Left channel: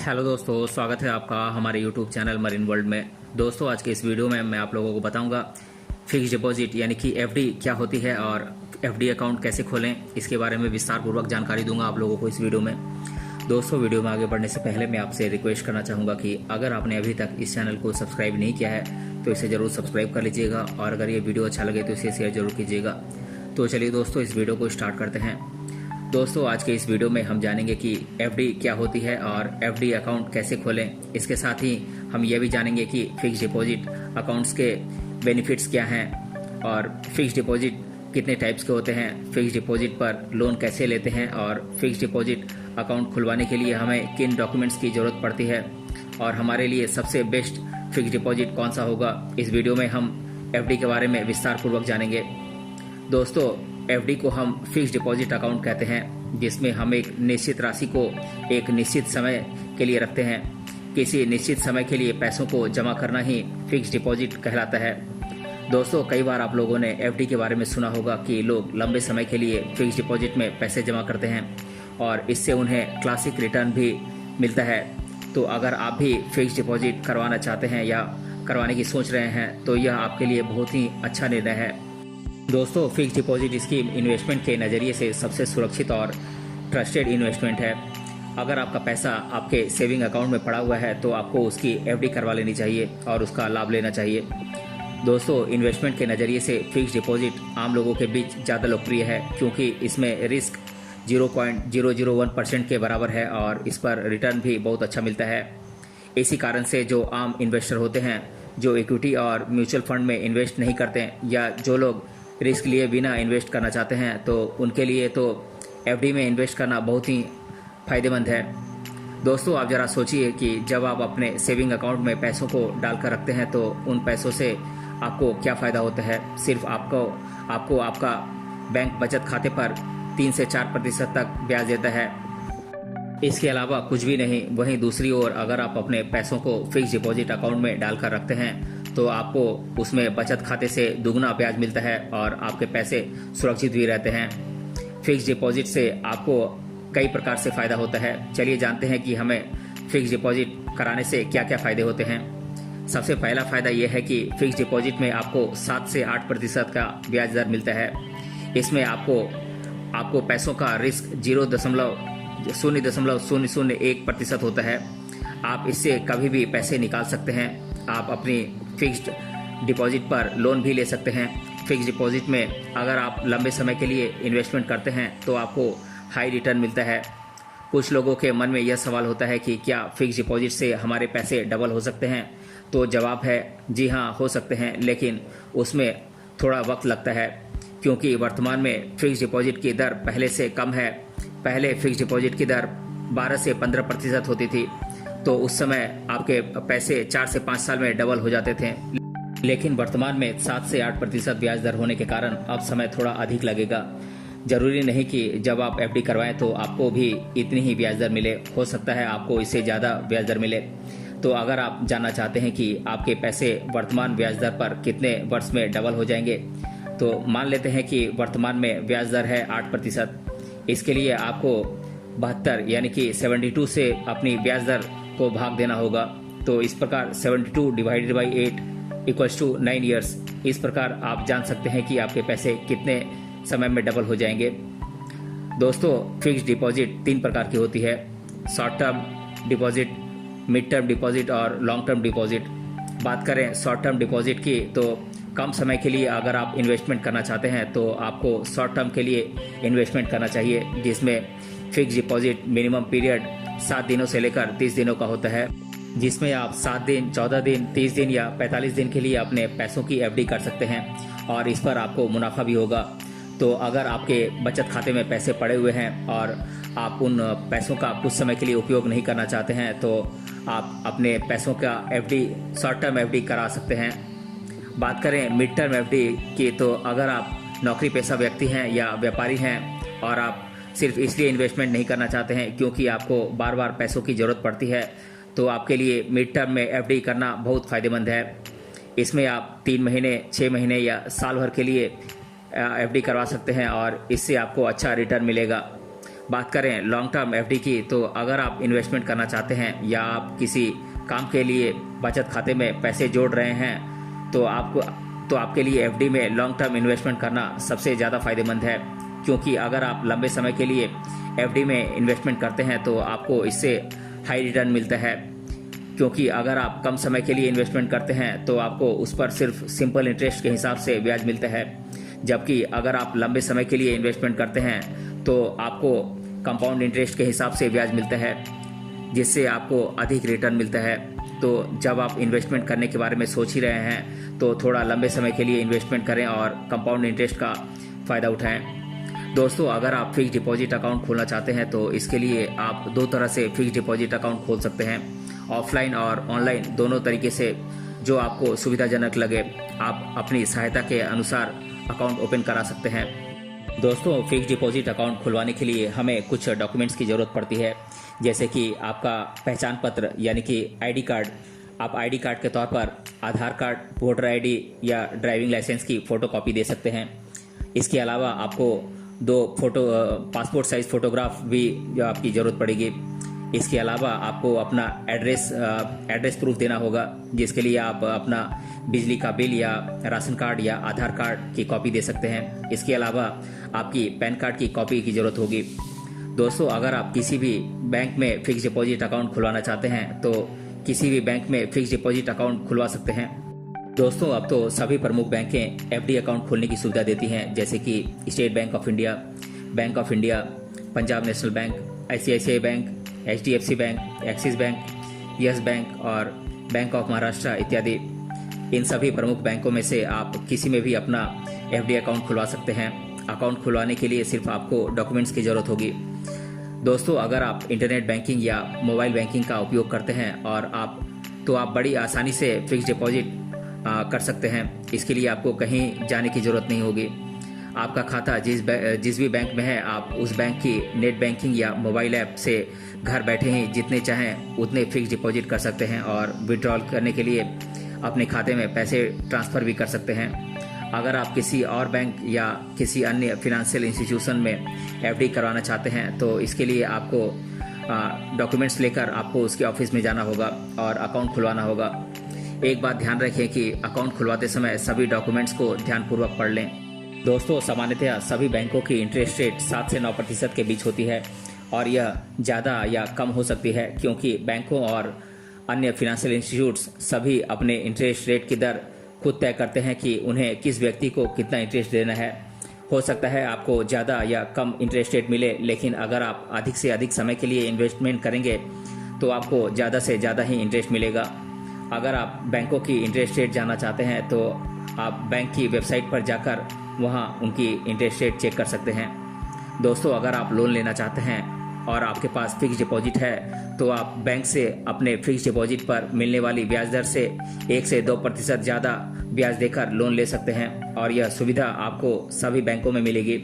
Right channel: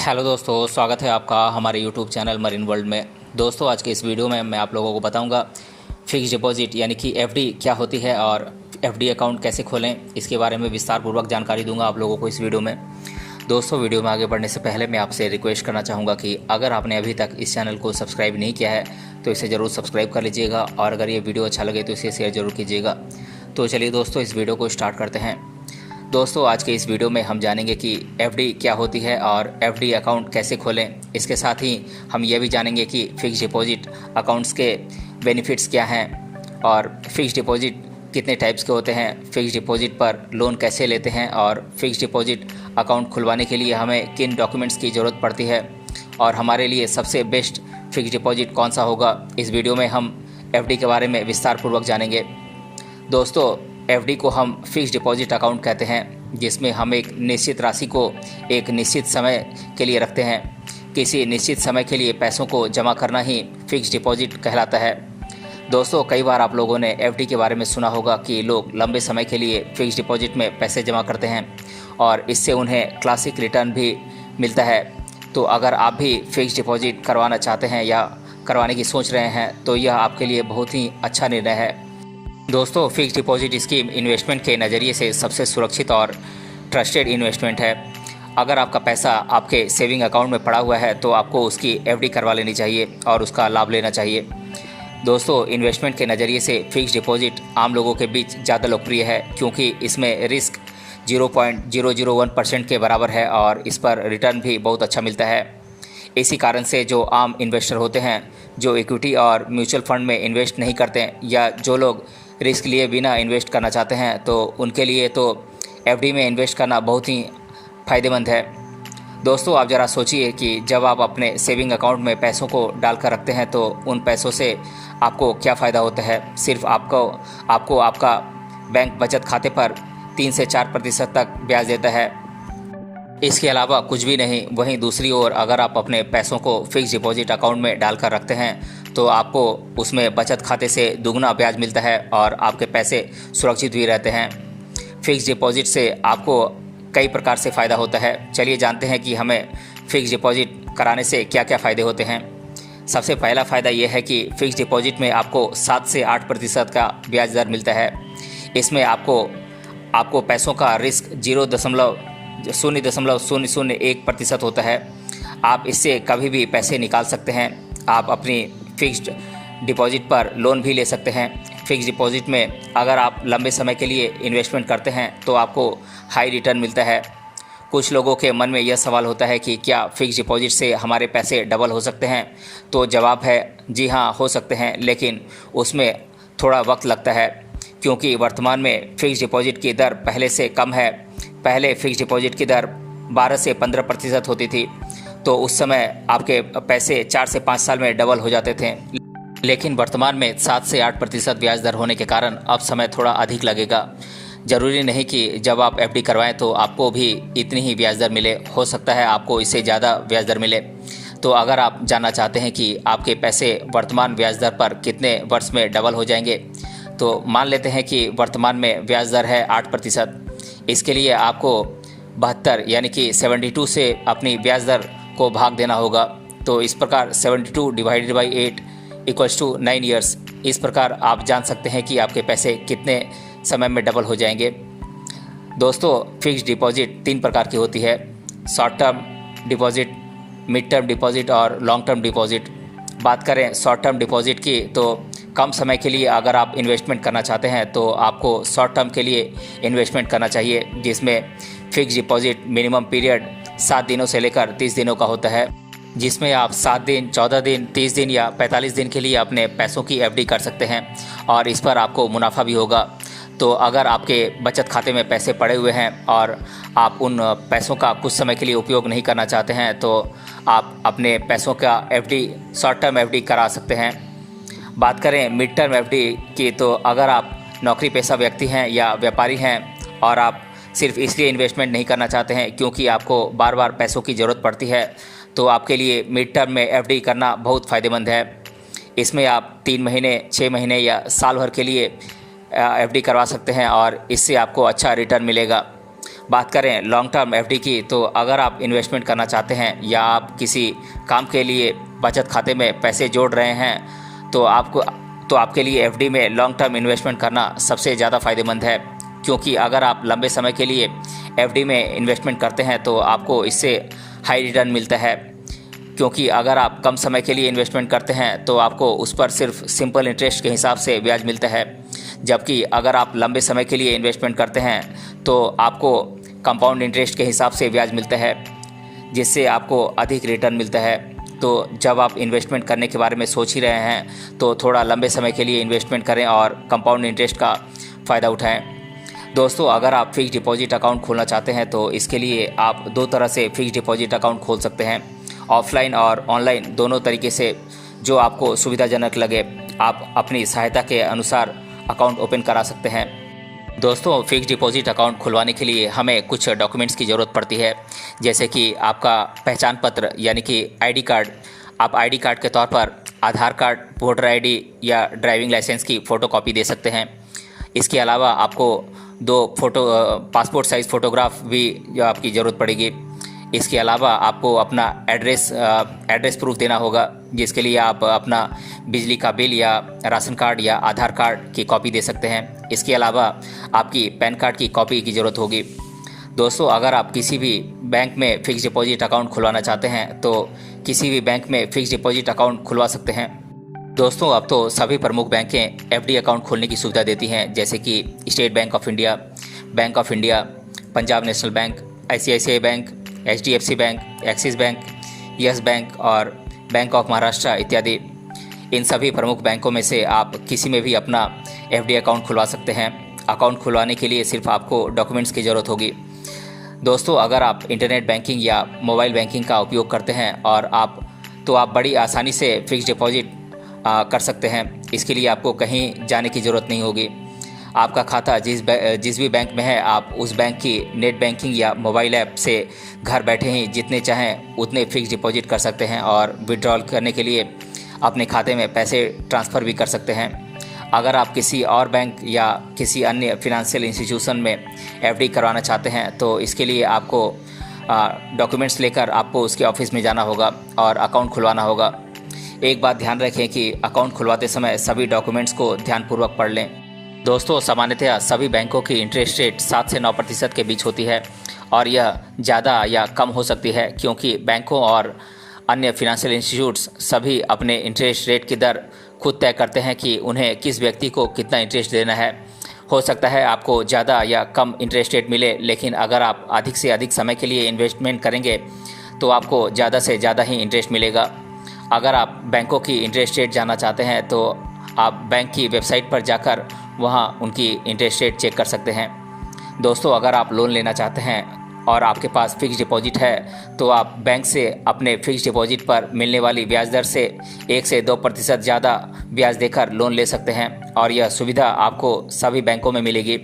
Hello दोस्तों, स्वागत है आपका हमारे यूट्यूब चैनल मरीन वर्ल्ड में। दोस्तों, आज के इस वीडियो में मैं आप लोगों को बताऊंगा फिक्स डिपॉजिट यानी कि एफडी क्या होती है और एफडी अकाउंट कैसे खोलें, इसके बारे में विस्तार पूर्वक जानकारी दूंगा आप लोगों को इस वीडियो में। दोस्तों, वीडियो में आगे बढ़ने से पहले मैं आपसे रिक्वेस्ट करना चाहूँगा कि अगर आपने अभी तक इस चैनल को सब्सक्राइब नहीं किया है तो इसे ज़रूर सब्सक्राइब कर लीजिएगा और अगर ये वीडियो अच्छा लगे तो इसे शेयर ज़रूर कीजिएगा। तो चलिए दोस्तों, इस वीडियो को स्टार्ट करते हैं। दोस्तों, आज के इस वीडियो में हम जानेंगे कि एफडी क्या होती है और एफडी अकाउंट कैसे खोलें। इसके साथ ही हम ये भी जानेंगे कि फ़िक्स डिपॉजिट अकाउंट्स के बेनिफिट्स क्या हैं और फ़िक्स डिपॉजिट कितने टाइप्स के होते हैं, फ़िक्स डिपॉजिट पर लोन कैसे लेते हैं और फ़िक्स डिपॉजिट अकाउंट खुलवाने के लिए हमें किन डॉक्यूमेंट्स की ज़रूरत पड़ती है और हमारे लिए सबसे बेस्ट फ़िक्स डिपॉजिट कौन सा होगा। इस वीडियो में हम एफडी के बारे में विस्तार पूर्वक जानेंगे। दोस्तों, एफडी को हम फिक्स डिपॉजिट अकाउंट कहते हैं, जिसमें हम एक निश्चित राशि को एक निश्चित समय के लिए रखते हैं। किसी निश्चित समय के लिए पैसों को जमा करना ही फिक्स डिपॉजिट कहलाता है। दोस्तों, कई बार आप लोगों ने एफडी के बारे में सुना होगा कि लोग लंबे समय के लिए फिक्स डिपॉजिट में पैसे जमा करते हैं और इससे उन्हें क्लासिक रिटर्न भी मिलता है। तो अगर आप भी फिक्स डिपॉजिट करवाना चाहते हैं या करवाने की सोच रहे हैं तो यह आपके लिए बहुत ही अच्छा निर्णय है। दोस्तों, फिक्स डिपॉजिट स्कीम इन्वेस्टमेंट के नज़रिए से सबसे सुरक्षित और ट्रस्टेड इन्वेस्टमेंट है। अगर आपका पैसा आपके सेविंग अकाउंट में पड़ा हुआ है तो आपको उसकी एफडी करवा लेनी चाहिए और उसका लाभ लेना चाहिए। दोस्तों, इन्वेस्टमेंट के नज़रिए से फिक्स डिपॉजिट आम लोगों के बीच ज़्यादा लोकप्रिय है क्योंकि इसमें रिस्क 0.001% के बराबर है और इस पर रिटर्न भी बहुत अच्छा मिलता है। इसी कारण से जो आम इन्वेस्टर होते हैं, जो इक्विटी और म्यूचुअल फंड में इन्वेस्ट नहीं करते या जो लोग रिस्क लिए बिना इन्वेस्ट करना चाहते हैं, तो उनके लिए तो एफडी में इन्वेस्ट करना बहुत ही फ़ायदेमंद है। दोस्तों, आप ज़रा सोचिए कि जब आप अपने सेविंग अकाउंट में पैसों को डालकर रखते हैं तो उन पैसों से आपको क्या फ़ायदा होता है। सिर्फ आपको आपका बैंक बचत खाते पर 3 से 4% तक ब्याज देता है, इसके अलावा कुछ भी नहीं। वहीं दूसरी ओर अगर आप अपने पैसों को फिक्स डिपॉजिट अकाउंट में डालकर रखते हैं तो आपको उसमें बचत खाते से दुगना ब्याज मिलता है और आपके पैसे सुरक्षित भी रहते हैं। फिक्स डिपॉजिट से आपको कई प्रकार से फ़ायदा होता है। चलिए जानते हैं कि हमें फ़िक्स डिपॉजिट कराने से क्या क्या फ़ायदे होते हैं। सबसे पहला फ़ायदा यह है कि फ़िक्स डिपॉजिट में आपको 7 से 8% का ब्याज दर मिलता है। इसमें आपको पैसों का रिस्क 0.001% होता है। आप इससे कभी भी पैसे निकाल सकते हैं। आप अपनी फिक्स्ड डिपॉजिट पर लोन भी ले सकते हैं। फिक्स डिपॉजिट में अगर आप लंबे समय के लिए इन्वेस्टमेंट करते हैं तो आपको हाई रिटर्न मिलता है। कुछ लोगों के मन में यह सवाल होता है कि क्या फिक्स डिपॉजिट से हमारे पैसे डबल हो सकते हैं। तो जवाब है जी हाँ, हो सकते हैं, लेकिन उसमें थोड़ा वक्त लगता है क्योंकि वर्तमान में फिक्स डिपॉजिट की दर पहले से कम है। पहले फिक्स डिपॉजिट की दर 12 से 15% होती थी, तो उस समय आपके पैसे 4 से 5 साल में डबल हो जाते थे। लेकिन वर्तमान में 7 से 8% ब्याज दर होने के कारण अब समय थोड़ा अधिक लगेगा। ज़रूरी नहीं कि जब आप एफडी करवाएं तो आपको भी इतनी ही ब्याज दर मिले, हो सकता है आपको इससे ज़्यादा ब्याज दर मिले। तो अगर आप जानना चाहते हैं कि आपके पैसे वर्तमान ब्याज दर पर कितने वर्ष में डबल हो जाएंगे, तो मान लेते हैं कि वर्तमान में ब्याज दर है 8%। इसके लिए आपको 72 यानी कि 72 से अपनी ब्याज दर को भाग देना होगा। तो इस प्रकार 72 divided by 8 equals to 9 years. इस प्रकार आप जान सकते हैं कि आपके पैसे कितने समय में डबल हो जाएंगे। दोस्तों, फिक्स्ड डिपॉजिट 3 प्रकार की होती है: short term deposit, mid term deposit और लॉन्ग टर्म डिपॉजिट। बात करें शॉर्ट टर्म डिपॉजिट की, तो कम समय के लिए अगर आप इन्वेस्टमेंट करना चाहते हैं तो आपको शॉर्ट टर्म के लिए इन्वेस्टमेंट करना चाहिए, जिसमें फिक्स डिपॉजिट मिनिमम पीरियड 7 दिनों से लेकर 30 दिनों का होता है, जिसमें आप 7 दिन, 14 दिन, 30 दिन या 45 दिन के लिए अपने पैसों की एफडी कर सकते हैं और इस पर आपको मुनाफा भी होगा। तो अगर आपके बचत खाते में पैसे पड़े हुए हैं और आप उन पैसों का कुछ समय के लिए उपयोग नहीं करना चाहते हैं तो आप अपने पैसों का एफडी, शॉर्ट टर्म एफडी करा सकते हैं। बात करें मिड टर्म एफडी की, तो अगर आप नौकरी पेशा व्यक्ति हैं या व्यापारी हैं और आप सिर्फ इसलिए इन्वेस्टमेंट नहीं करना चाहते हैं क्योंकि आपको बार बार पैसों की ज़रूरत पड़ती है, तो आपके लिए मिड टर्म में एफडी करना बहुत फ़ायदेमंद है। इसमें आप 3 महीने, 6 महीने या साल भर के लिए एफडी करवा सकते हैं और इससे आपको अच्छा रिटर्न मिलेगा। बात करें लॉन्ग टर्म एफडी की, तो अगर आप इन्वेस्टमेंट करना चाहते हैं या आप किसी काम के लिए बचत खाते में पैसे जोड़ रहे हैं तो आपके लिए एफडी में लॉन्ग टर्म इन्वेस्टमेंट करना सबसे ज़्यादा फ़ायदेमंद है। क्योंकि अगर आप लंबे समय के लिए एफडी में इन्वेस्टमेंट करते हैं तो आपको इससे हाई रिटर्न मिलता है। क्योंकि अगर आप कम समय के लिए इन्वेस्टमेंट करते हैं तो आपको उस पर सिर्फ सिंपल इंटरेस्ट के हिसाब से ब्याज मिलता है, जबकि अगर आप लंबे समय के लिए इन्वेस्टमेंट करते हैं तो आपको कंपाउंड इंटरेस्ट के हिसाब से ब्याज मिलता है, जिससे आपको अधिक रिटर्न मिलता है। तो जब आप इन्वेस्टमेंट करने के बारे में सोच ही रहे हैं तो थोड़ा लंबे समय के लिए इन्वेस्टमेंट करें और कंपाउंड इंटरेस्ट का फ़ायदा उठाएं। दोस्तों, अगर आप फिक्स डिपॉजिट अकाउंट खोलना चाहते हैं तो इसके लिए आप दो तरह से फिक्स डिपॉजिट अकाउंट खोल सकते हैं, ऑफलाइन और ऑनलाइन, दोनों तरीके से जो आपको सुविधाजनक लगे आप अपनी सहायता के अनुसार अकाउंट ओपन करा सकते हैं। दोस्तों, फिक्स डिपॉजिट अकाउंट खुलवाने के लिए हमें कुछ डॉक्यूमेंट्स की ज़रूरत पड़ती है, जैसे कि आपका पहचान पत्र यानी कि आईडी कार्ड। आप आईडी कार्ड के तौर पर आधार कार्ड, वोटर आईडी या ड्राइविंग लाइसेंस की फ़ोटोकॉपी दे सकते हैं। इसके अलावा आपको दो पासपोर्ट साइज़ फ़ोटोग्राफ भी आपकी ज़रूरत पड़ेगी। इसके अलावा आपको अपना एड्रेस प्रूफ देना होगा, जिसके लिए आप अपना बिजली का बिल या राशन कार्ड या आधार कार्ड की कॉपी दे सकते हैं। इसके अलावा आपकी पैन कार्ड की कॉपी की ज़रूरत होगी। दोस्तों, अगर आप किसी भी बैंक में फ़िक्स डिपॉजिट अकाउंट खुलवाना चाहते हैं तो किसी भी बैंक में फ़िक्स डिपॉजिट अकाउंट खुलवा सकते हैं। दोस्तों, अब तो सभी प्रमुख बैंकें एफडी अकाउंट खोलने की सुविधा देती हैं, जैसे कि state bank of India, bank of India, Punjab national bank, ICICI bank, HDFC bank, axis bank, yes bank और बैंक ऑफ महाराष्ट्र इत्यादि। इन सभी प्रमुख बैंकों में से आप किसी में भी अपना एफडी अकाउंट खुलवा सकते हैं। अकाउंट खुलवाने के लिए सिर्फ आपको डॉक्यूमेंट्स की ज़रूरत होगी। दोस्तों, अगर आप इंटरनेट बैंकिंग या मोबाइल बैंकिंग का उपयोग करते हैं और आप बड़ी आसानी से फिक्स डिपॉजिट कर सकते हैं। इसके लिए आपको कहीं जाने की ज़रूरत नहीं होगी। आपका खाता जिस भी बैंक में है, आप उस बैंक की नेट बैंकिंग या मोबाइल ऐप से घर बैठे ही जितने चाहें उतने फिक्स डिपॉजिट कर सकते हैं और विड्रॉल करने के लिए अपने खाते में पैसे ट्रांसफ़र भी कर सकते हैं। अगर आप किसी और बैंक या किसी अन्य फिनंशियल इंस्टीट्यूशन में एफडी करवाना चाहते हैं तो इसके लिए आपको डॉक्यूमेंट्स लेकर आपको उसके ऑफिस में जाना होगा और अकाउंट खुलवाना होगा। एक बात ध्यान रखें कि अकाउंट खुलवाते समय सभी डॉक्यूमेंट्स को ध्यानपूर्वक पढ़ लें। दोस्तों, सामान्यतः सभी बैंकों की इंटरेस्ट रेट 7 से 9% के बीच होती है और यह ज़्यादा या कम हो सकती है, क्योंकि बैंकों और अन्य फिनंशियल इंस्टीट्यूट्स सभी अपने इंटरेस्ट रेट की दर खुद तय करते हैं कि उन्हें किस व्यक्ति को कितना इंटरेस्ट देना है। हो सकता है आपको ज़्यादा या कम इंटरेस्ट रेट मिले, लेकिन अगर आप अधिक से अधिक समय के लिए इन्वेस्टमेंट करेंगे तो आपको ज़्यादा से ज़्यादा ही इंटरेस्ट मिलेगा। अगर आप बैंकों की इंटरेस्ट रेट जानना चाहते हैं तो आप बैंक की वेबसाइट पर जाकर वहां उनकी इंटरेस्ट रेट चेक कर सकते हैं। दोस्तों, अगर आप लोन लेना चाहते हैं और आपके पास फिक्स डिपॉजिट है तो आप बैंक से अपने फिक्स डिपॉजिट पर मिलने वाली ब्याज दर से 1 से 2% ज़्यादा ब्याज देकर लोन ले सकते हैं और यह सुविधा आपको सभी बैंकों में मिलेगी।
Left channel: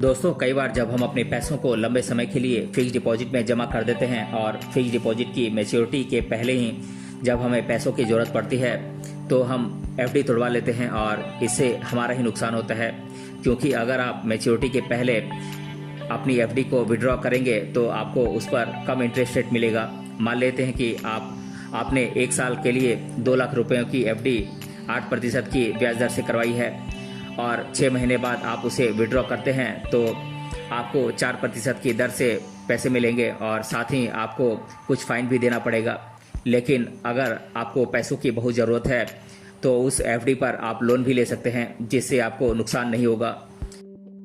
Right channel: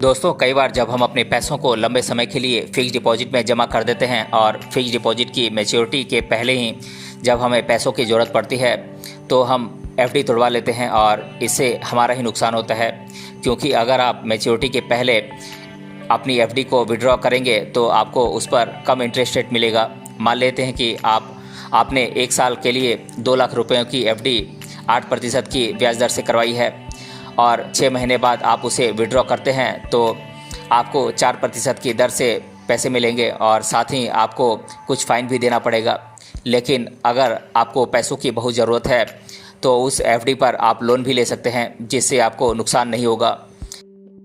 दोस्तों, कई बार जब हम अपने पैसों को लंबे समय के लिए फिक्स डिपॉजिट में जमा कर देते हैं और फिक्स डिपॉजिट की मैच्योरिटी के पहले ही जब हमें पैसों की ज़रूरत पड़ती है तो हम एफडी तोड़वा लेते हैं और इससे हमारा ही नुकसान होता है। क्योंकि अगर आप मैच्योरिटी के पहले अपनी एफडी को विड्रॉ करेंगे तो आपको उस पर कम इंटरेस्ट रेट मिलेगा। मान लेते हैं कि आपने 1 साल के लिए 2 लाख रुपयों की एफडी 8% की ब्याज दर से करवाई है और 6 महीने बाद आप उसे विड्रॉ करते हैं तो आपको 4% की दर से पैसे मिलेंगे और साथ ही आपको कुछ फ़ाइन भी देना पड़ेगा। लेकिन अगर आपको पैसों की बहुत ज़रूरत है तो उस एफडी पर आप लोन भी ले सकते हैं, जिससे आपको नुकसान नहीं होगा।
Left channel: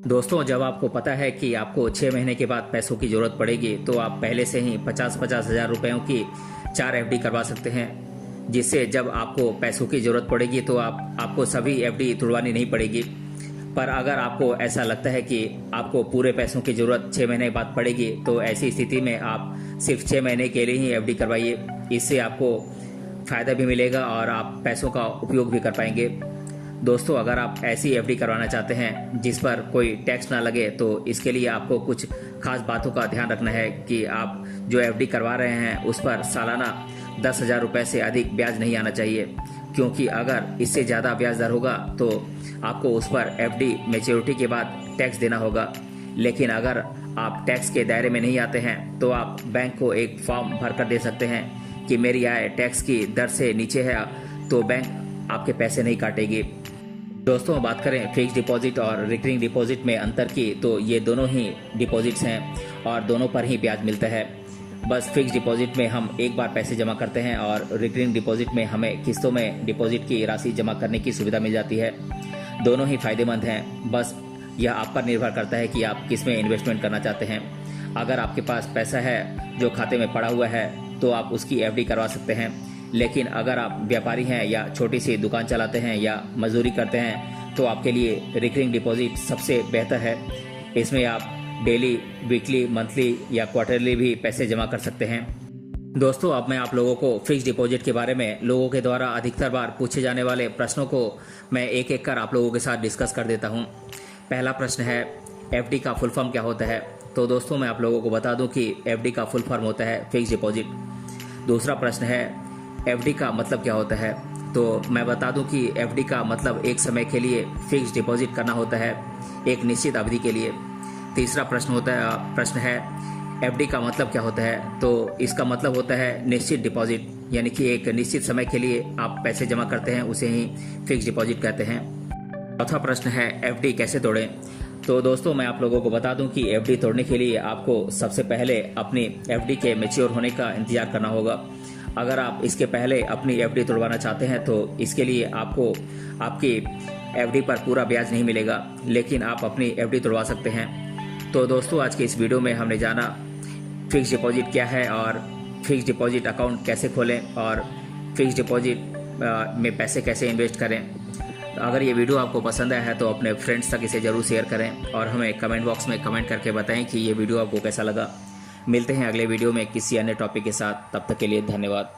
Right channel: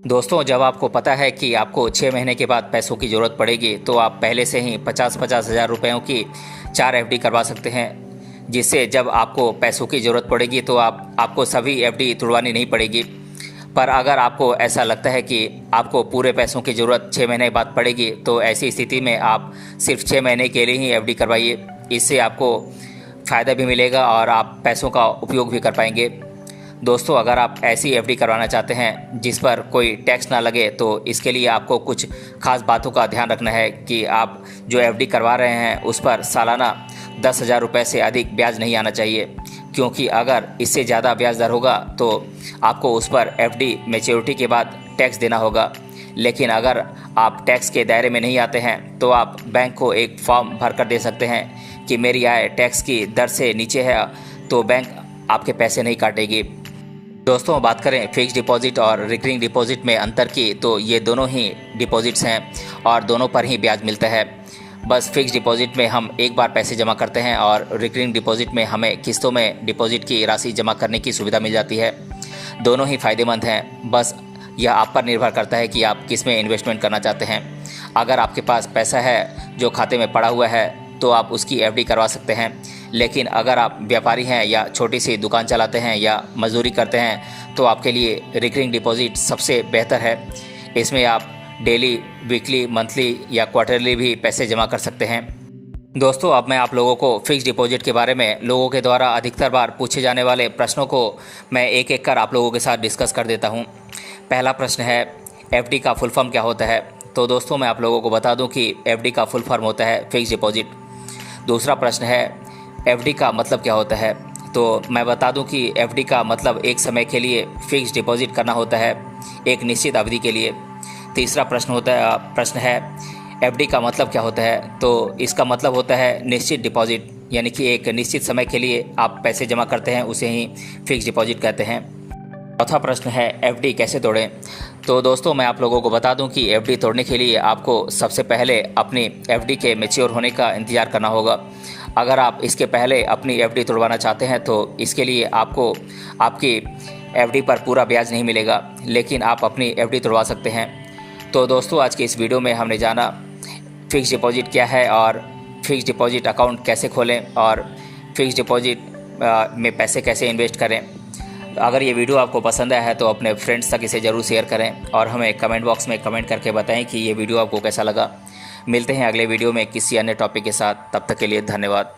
दोस्तों, जब आपको पता है कि आपको 6 महीने के बाद पैसों की ज़रूरत पड़ेगी तो आप पहले से ही 50-50 हज़ार रुपयों की 4 एफडी करवा सकते हैं, जिससे जब आपको पैसों की ज़रूरत पड़ेगी तो आपको सभी एफडी तुड़वानी नहीं पड़ेगी। पर अगर आपको ऐसा लगता है कि आपको पूरे पैसों की ज़रूरत 6 महीने बाद पड़ेगी तो ऐसी स्थिति में आप सिर्फ 6 महीने के लिए ही एफडी करवाइए। इससे आपको फ़ायदा भी मिलेगा और आप पैसों का उपयोग भी कर पाएंगे। दोस्तों, अगर आप ऐसी एफडी करवाना चाहते हैं जिस पर कोई टैक्स ना लगे तो इसके लिए आपको कुछ खास बातों का ध्यान रखना है कि आप जो एफडी करवा रहे हैं उस पर सालाना 10,000 रुपये से अधिक ब्याज नहीं आना चाहिए, क्योंकि अगर इससे ज़्यादा ब्याज दर होगा तो आपको उस पर एफडी मैच्योरिटी के बाद टैक्स देना होगा, लेकिन अगर आप टैक्स के दायरे में नहीं आते हैं तो आप बैंक को एक फॉर्म भर कर दे सकते हैं कि मेरी आय टैक्स की दर से नीचे है, तो बैंक आपके पैसे नहीं काटेगी। दोस्तों, बात करें फिक्स डिपॉजिट और रिकरिंग डिपॉजिट में अंतर की, तो ये दोनों ही डिपॉजिट्स हैं और दोनों पर ही ब्याज मिलता है। बस फिक्स डिपॉजिट में हम एक बार पैसे जमा करते हैं और रिकरिंग डिपॉजिट में हमें किस्तों में डिपॉजिट की राशि जमा करने की सुविधा मिल जाती है। दोनों ही फ़ायदेमंद हैं, बस यह आप पर निर्भर करता है कि आप किस में इन्वेस्टमेंट करना चाहते हैं। अगर आपके पास पैसा है जो खाते में पड़ा हुआ है तो आप उसकी एफडी करवा सकते हैं, लेकिन अगर आप व्यापारी हैं या छोटी सी दुकान चलाते हैं या मजदूरी करते हैं तो आपके लिए रिकरिंग डिपॉजिट सबसे बेहतर है। इसमें आप डेली, वीकली, मंथली या क्वार्टरली भी पैसे जमा कर सकते हैं। दोस्तों, अब मैं आप लोगों को फिक्स डिपॉजिट के बारे में लोगों के द्वारा अधिकतर बार पूछे जाने वाले प्रश्नों को मैं एक एक कर आप लोगों के साथ डिस्कस कर देता हूं। पहला प्रश्न है, एफडी का फुल फॉर्म क्या होता है? तो दोस्तों, मैं आप लोगों को बता दूं कि एफडी का फुल फॉर्म होता है फिक्स डिपॉजिट। दूसरा प्रश्न है, एफडी का मतलब क्या होता है? तो मैं बता दूं कि एफडी का मतलब एक समय के लिए फिक्स डिपॉजिट करना होता है, एक निश्चित अवधि के लिए। तीसरा प्रश्न है एफडी का मतलब क्या होता है? तो इसका मतलब होता है निश्चित डिपॉजिट, यानी कि एक निश्चित समय के लिए आप पैसे जमा करते हैं, उसे ही फिक्स डिपॉजिट कहते हैं। चौथा प्रश्न है, एफडी कैसे तोड़ें? तो दोस्तों, मैं आप लोगों को बता दूं कि एफडी तोड़ने के लिए आपको सबसे पहले अपनी एफडी के मैच्योर होने का इंतज़ार करना होगा। अगर आप इसके पहले अपनी एफडी तोड़वाना चाहते हैं तो इसके लिए आपको आपकी एफडी पर पूरा ब्याज नहीं मिलेगा, लेकिन आप अपनी एफडी तोड़वा सकते हैं। तो दोस्तों, आज के इस वीडियो में हमने जाना फिक्स डिपॉजिट क्या है और फिक्स डिपॉजिट अकाउंट कैसे खोलें और फिक्स डिपॉजिट में पैसे कैसे इन्वेस्ट करें। अगर ये वीडियो आपको पसंद आया है तो अपने फ्रेंड्स तक इसे ज़रूर शेयर करें और हमें कमेंट बॉक्स में कमेंट करके बताएं कि ये वीडियो आपको कैसा लगा। मिलते हैं अगले वीडियो में किसी अन्य टॉपिक के साथ, तब तक के लिए धन्यवाद।